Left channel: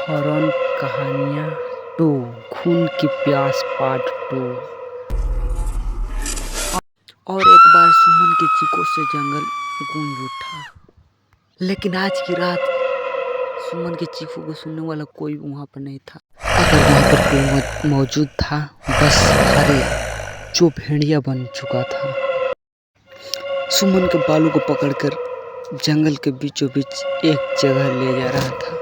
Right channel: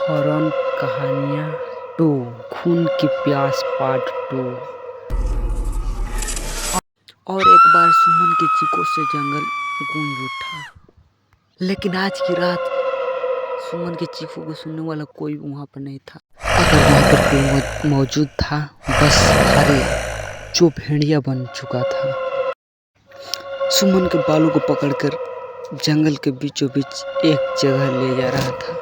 Horror कहानियाँ 2 खून की प्यास पार्ट 2। और एक बार सुमन की चीखों से जंगल गूंज उठा, लेकिन आज की रात सुमन की चीखों को सुनने वाला कोई वहाँ पर नहीं था। अगर वहाँ पर कोई मौजूद था, बस हरे जो भेड़िया बन चुका था। सुमन के बालों को पकड़कर जंगल के बीचों बीच एक जगह ले जा रहा था।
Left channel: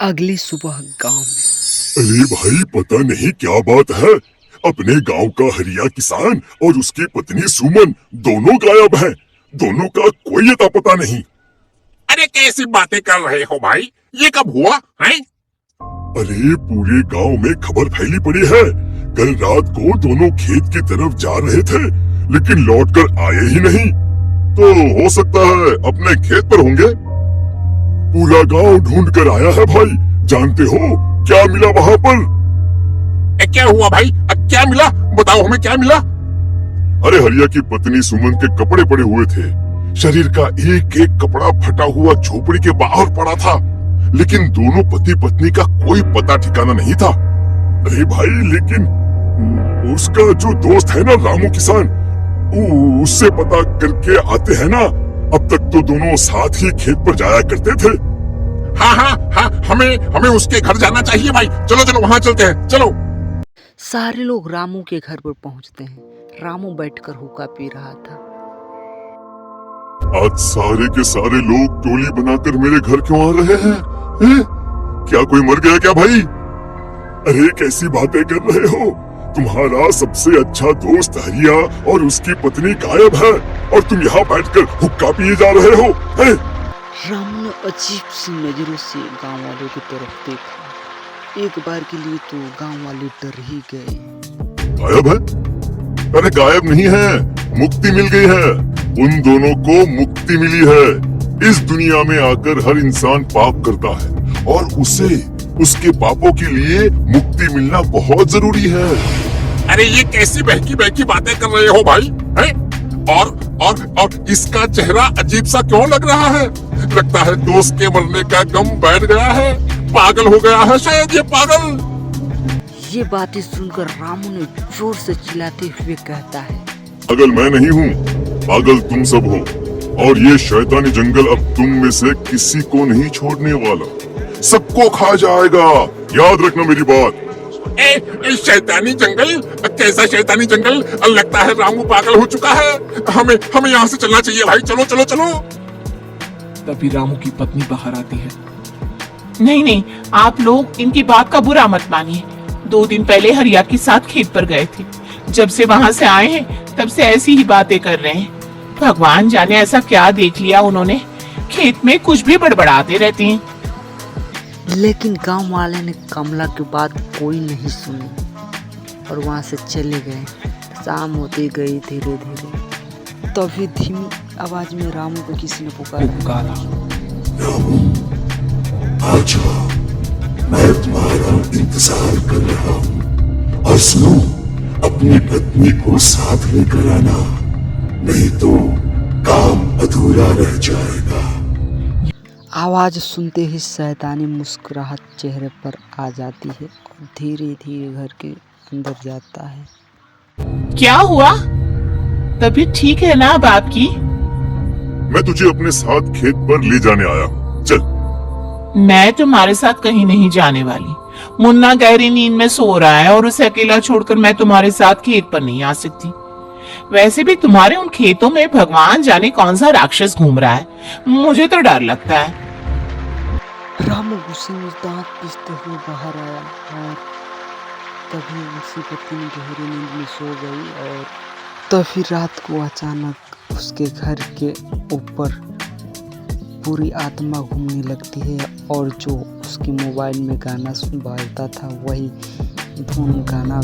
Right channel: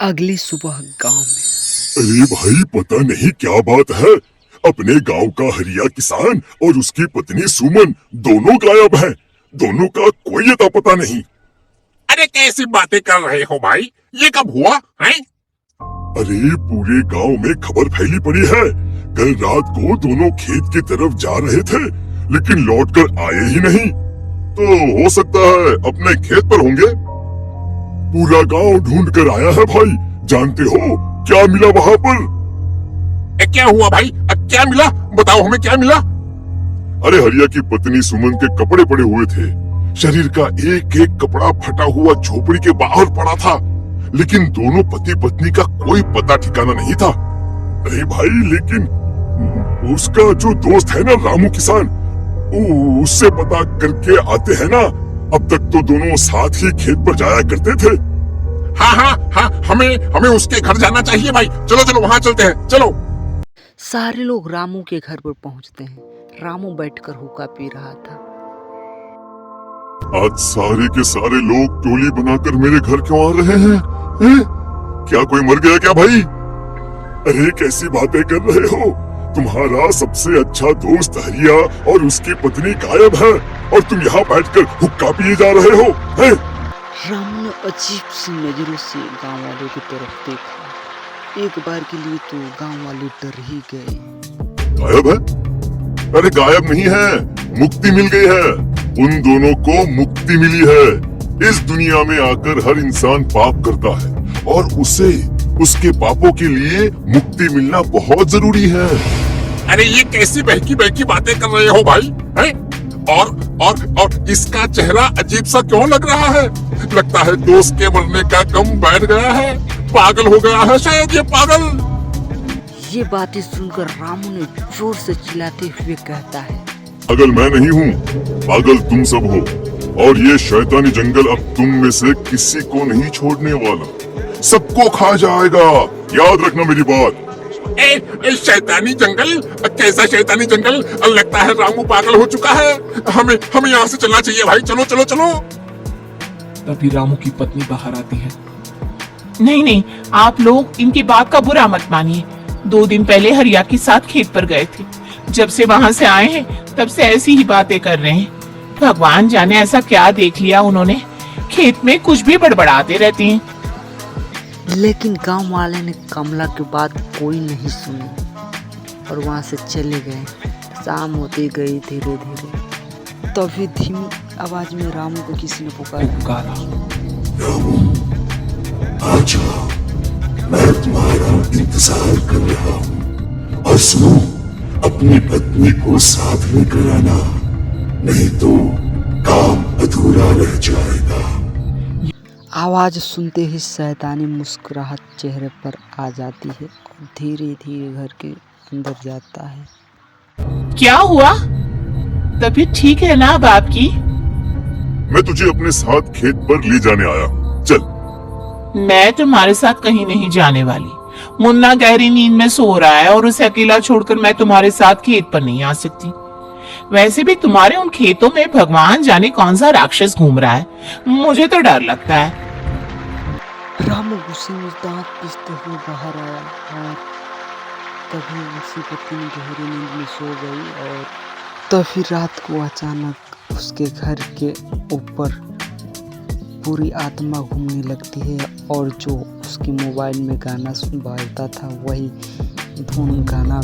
अगली सुबह गांव में। अरे भाई, पता नहीं क्या बात है, अपने गांव का हरिया किसान और उसकी पत्नी सुमन दोनों गायब हैं। दोनों का कोई अता पता नहीं। अरे कैसी बातें कर रहे हो भाई, ये कब हुआ है? अरे पूरे गांव में खबर फैली पड़ी है। कल रात को दोनों खेत की तरफ जा रहे थे, लेकिन लौटकर आए ही नहीं। तो हो सकता है अपने खेत पर होंगे। पूरा गांव ढूंढ कर आया है भाई। जानते हो क्या मिला वहाँ पर? क्या हुआ भाई? क्या मिला? बताओ हमें, क्या मिला? अरे हरिया की पत्नी सुमन के कपड़े पड़े हुए थे। शरीर का एक एक कपड़ा फटा हुआ झोपड़ी के बाहर पड़ा था, लेकिन दोनों पति पत्नी का कोई पता ठिकाना नहीं था। अरे भाई, लेकिन उसका जो दोस्त है ना, रामू किसान, उससे पता करके आते हैं ना। अब तक तो दोनों साथ ही खेत पर जाया करते थे। हाँ, हमें उसके घर जाना चाहिए भाई। चलो वहाँ चलते हैं, चलो। सारे लोग रामू के घर पर पहुंचते हैं। रामू बैठकर हुक्का पी रहा था। आज सारे के सारे लोग टोली बनाकर मेरे घर क्यों आ रहे हैं? क्या कोई मर गया क्या भाई? अरे कैसी बातें कर रहे हो? तुम्हारा सबसे अच्छा दोस्त हरिया और उसकी पत्नी गायब है, और तुम यहाँ बैठकर हुक्का पिए जा रहे हो? रामू ने अजीब सी नजरों से गांव वालों की तरफ देखा। एक बार के लिए तो गांव वाले डर ही गए। गायब है? अरे गायब नहीं है, मुक्ति मिल गई है। उन दोनों को मुक्ति मिली है। इस दुनिया में आकर हर इंसान पाप करता है, और उसे उसके पापों के लिए मुक्ति मिलना बहुत जरूरी है। अरे ये कैसी बहकी बहकी बातें कर रहे हो भाई, हैं? और इसका चेहरा अजीब सा क्यों लग रहा है? लगता है दोस्त के मरने का गम बैठ गया है। पागल हो गया है शायद ये पागल। ये बातें सुनकर रामू ने जोर से चिल्लाते हुए कहता है, पागल मैं नहीं हूँ, पागल तुम सब हो। और ये शैतानी जंगल अब तुम में से किसी को नहीं छोड़ने वाला, सबको खा जाएगा। याद रखना मेरी बात। शैतानी जंगल? कैसा शैतानी जंगल? लगता है रामू पागल हो चुका है। हमें यहाँ से चलना चाहिए भाई। चलो। तभी रामू की पत्नी बाहर आती है। नहीं, आप लोग इनकी बात का बुरा मत मानिए। 2 दिन पहले हरिया के साथ खेत पर गए थे। जब से वहाँ से आए हैं, तब से ऐसी ही बातें कर रहे हैं। भगवान जाने ऐसा क्या देख लिया उन्होंने, खेत में कुछ भी बड़बड़ाते रहती हैं। लेकिन गांव वाले ने कमला की बात कोई नहीं सुनी और वहां से चले गए। शाम होती गई धीरे धीरे। तभी धीमी आवाज में रामू को किसी ने पुकारा। रामू, आजा, मैं तुम्हारा इंतजार कर रहा हूँ। और सुनो, अपनी पत्नी को साथ लेकर आना, नहीं तो काम अधूरा रह जाएगा। आवाज सुनते ही शैतानी मुस्कुराहट चेहरे पर आ जाती है और धीरे धीरे घर के अंदर जाता है। क्या हुआ? तबीयत ठीक है ना अब आपकी? मैं तुझे अपने साथ खेत पर ले जाने आया हूँ, चल। मैं तुम्हारे साथ कहीं नहीं जाने वाली। मुन्ना गहरी नींद में सो रहा है, और उसे अकेला छोड़कर मैं तुम्हारे साथ खेत पर नहीं आ सकती। वैसे भी तुम्हारे उन खेतों में भगवान जाने कौन सा राक्षस घूम रहा है, मुझे तो डर लगता है। रामू गुस्से में दांत पीसते हुए बाहर आया, और तभी उसकी पत्नी गहरी नींद में सो गई। और तभी रात को अचानक उसके घर के ऊपर पूरी आत्मा घूमने लगती है, और जो उसके मोबाइल में गाना बाजता था वही धुन गाना।